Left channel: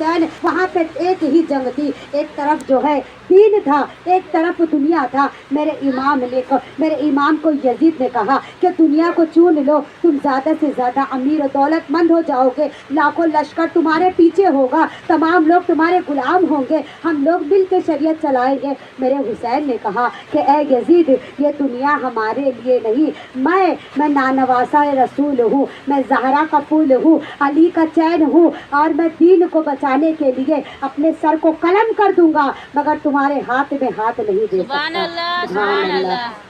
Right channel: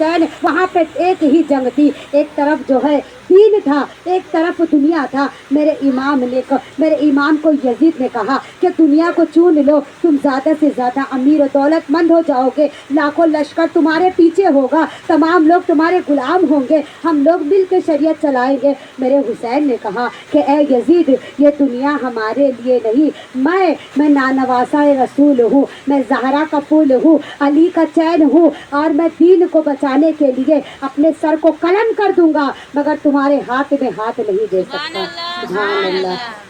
वहाँ पे एक ही जंग थी, एक तरफ जो है दीन था, एक तरफ दुनिया था। मेरे इमाम को यजीद ने कहा कि दुनिया को चुन लो, तुम ज़्यादा से ज़्यादा अमीर और दौलतमंद हो जाओगे, लाखों लश्कर तुम्हारे पीछे होगा, तमाम लोग तुम्हारे गुलाम होंगे, हम लोग मिल के शरीयत चलाएंगे। मेरे हुसैन ने कहा कि ए यजीद, ये दुनिया हमारे लिए नहीं, मैं नानवासा रसूल हूँ, मैं ज़हरा का फूल हूँ, अली का चैन हूँ, और मैं दीन को बचाने के लिए अपने सर को कलम कर दूंगा, मगर तुम्हारे हाथ में हाथ नहीं दे सकता।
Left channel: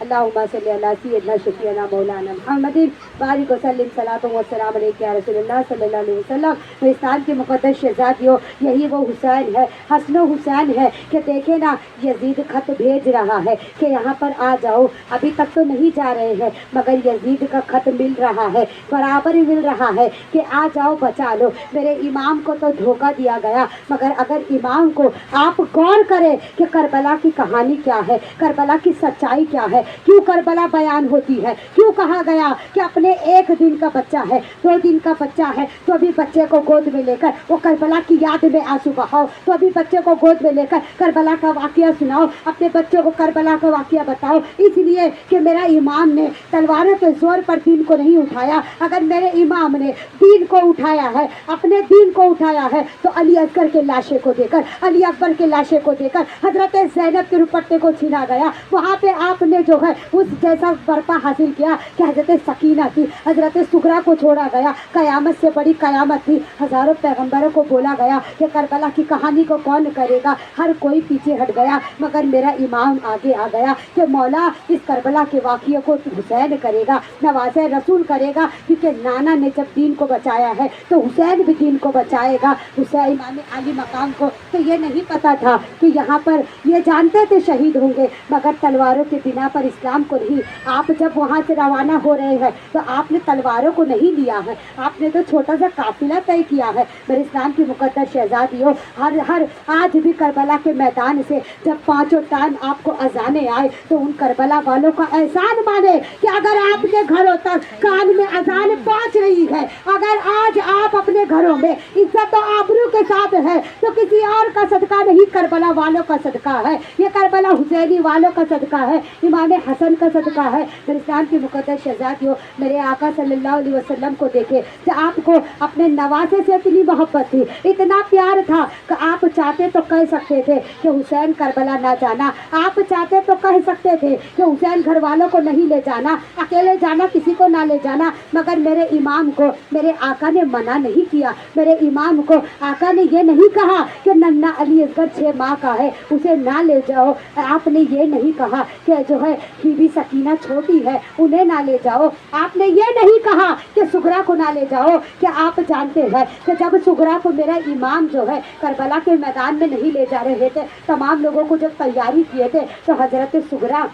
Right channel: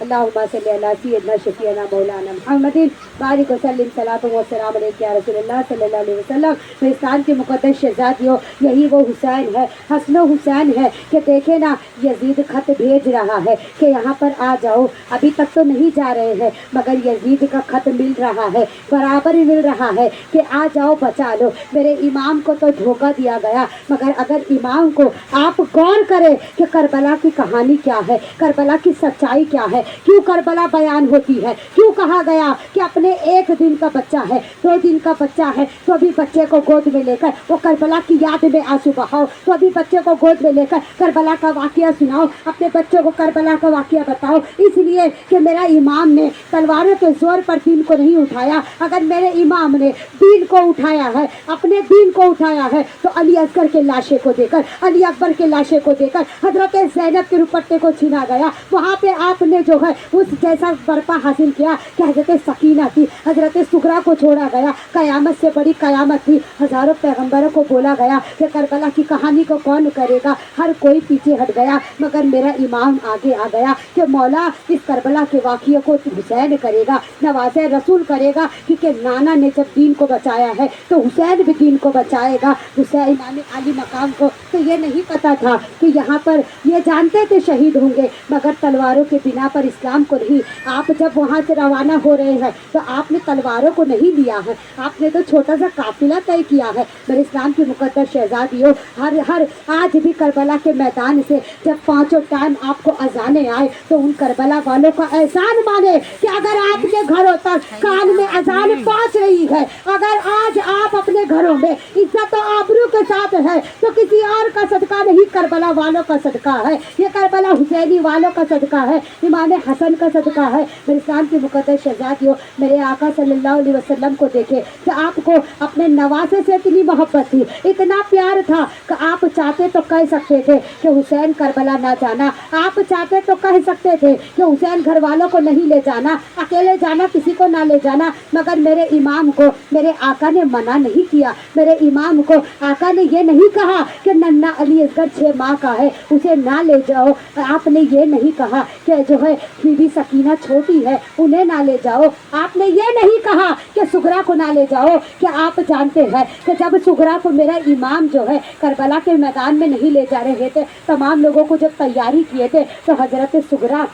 अल्लाहुम्मा सल्ली अला सय्यिदना शफीअना मौलाना मुहम्मदिन बारिक वसल्लिम सलातो व सलाम अलैका या रसूलल्लाह सल्लल्लाहु अलैहि वसल्लम। हिंदुस्तान के मुक़द्दस शहज़ादियों, यही वो हुसैन है, हसन हुसैन है कि देखे ना, यजीद खत भेज रहा है कि यहाँ पर आ जाओ। अभी तक तो नहीं जा रहे हैं, मगर यजीद का खत मिल रहा है, बराबर मिल रहा है कि आ जाओ, बचा लो। मेरे इमाम को तो धोखा दिया गया, मगर अगर इमाम को आप गौर करें कि करबला की कहानी क्या है, करबला की सच्चाई क्या है, क्यों करबला बयान होती है, क्यों कहा गया कि अपने एक दिन का बच्चा है, 2 दिन का बच्चा है, तो अभी बच्चे को गोद में लेकर वो करबला की याद में आंसू बहाओ, तो अभी बच्चे को गोद में लेकर करबला का वाकया सुनाओ, अपने बच्चों को करबला का वाकया बताओ। इसलिए कि मेरा इमाम ने तलवारों के जोर पर दीन को नहीं उठाया। अगर मेरे इमाम ने दीन को उठाया है, अपने दीन को उठाया है, तो अली असगर के लाशे को देकर, अली अकबर के लाशे को देकर हजरत ज़ैनब के दुपट्टे को छीना गया। वहाँ पे आपने जो है उस जैसा बर्पा हासिल किया कि हजरत सकीना थी, हजरत सुगरा को छोड़ा गया, कयामत से बड़ी कयामत थी। हजारों पैगंबरों को बोला गया कि करबला की कहानी को कौन करेगा, हर कोई पीछे हट गया, मगर मेरा इमाम आगे आ गया कि मौला इस करबला के वाक़ये को हुसैन करेगा, नवाज़े रसूल करेगा, क्योंकि नाना ने जब दीन को बचाया है तो हुसैन भी दीन को बचाएगा। हुसैन इमाम अली मकाम को तो ये नहीं पता था कि यहाँ पर, ये जानते थे शहीद होंगे, मगर तलवारों के बिना पर इस्लाम को नहीं। आप जब वहाँ से रवाना हो रहे हैं तो आपने तलवारों को नहीं लिया है, आपने तो छोटा सा काफिला तय किया है। मेरे इस्लाम की मुक़द्दस शहज़ादियों, हर आज भी करबला के मैदान से जब 5 टाइम आपको अजाने आए तो उन करबला वालों का एहसान माने कि अगर आपके घरों तक कान में अजान पहुँच रही है, अगर आज आप अपने घरों में इज्जत और आबरू के साथ है, तो किसी और का सदका नहीं, करबला वालों का सदका है, ये करबला हुसैनी वालों का सदका है, इमाम हसन का सदका है। मेरे इस्लाम की मुक़द्दस शहज़ादियों, मेरे आका सल्लल्लाहु अलैहि वसल्लम को देखे कि आपको अपने नवासे से इतनी मोहब्बत थी, इतना प्यार था कि आप चाहते तो कह सकते थे कि हुसैन करबला ना जाना, आप चाहते तो कह सकते थे कि हुसैन घर वालों को नहीं ले जाना, अकेले जाना, किसी को ना ले जाना, मगर मेरे इमाम को मेरे आका ने मना नहीं किया। मेरे इमाम को आका ने ये नहीं कहा कि नन्ना अली असगर 6 माह का है, उसे ना ले जाओ। आपने ये नहीं कहा कि जो है बीबी सकीना छोटी है, उन्हें ना ले जाओ। आपने ये नहीं कहा कि सुगरा को ना ले जाओ, कि आप जानते हैं कि जब सुगरा को मेरा इमाम जो है करबला के मैदान में नहीं ले जा रहे थे, तमाम लोगों को जब तैयारी किए थे, तो हजरत सुगरा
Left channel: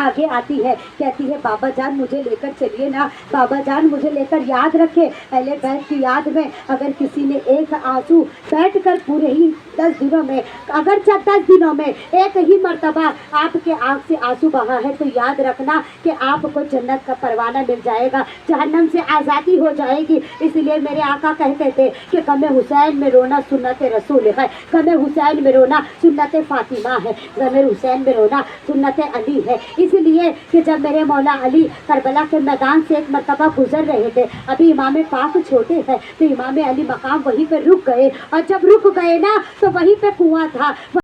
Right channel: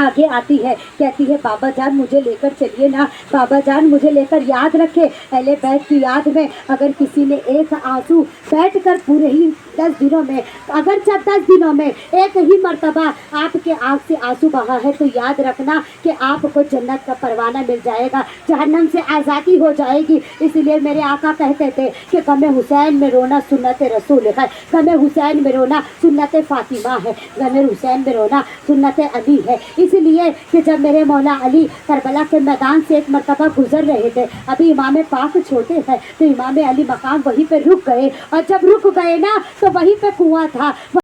आगे आती है, कहती है बाबा जान मुझे लेकर चलिए ना, बाबा जान मुझे लेकर, याद रखे अहले बैत की याद में अगर किसी ने एक आंसू बैठ कर पूरे ही 10 दिनों में, अगर जब 10 दिनों में एक ही मर्तबा आपके आँख से आंसू बहा है, तो याद रखना कि आपको जन्नत का परवाना मिल जाएगा, जहन्नम से आज़ादी हो जाएगी। इसलिए मेरे आका कहते थे कि गमे हुसैन में रोना सुन्नत रसूल है, गमे हुसैन में रोना सुन्नत फातिमा है, गमे हुसैन में रोना सुन्नत अली है। इसलिए कि जब मेरे मौला अली करबला के मैदान से एक मरतबा गुजर रहे थे, अभी इमाम पाक छोटे हैं, तो इमाम अली मकाम वहीं पे रुक गए, और जब रुक गए ना तो वहीं पे कुआं था।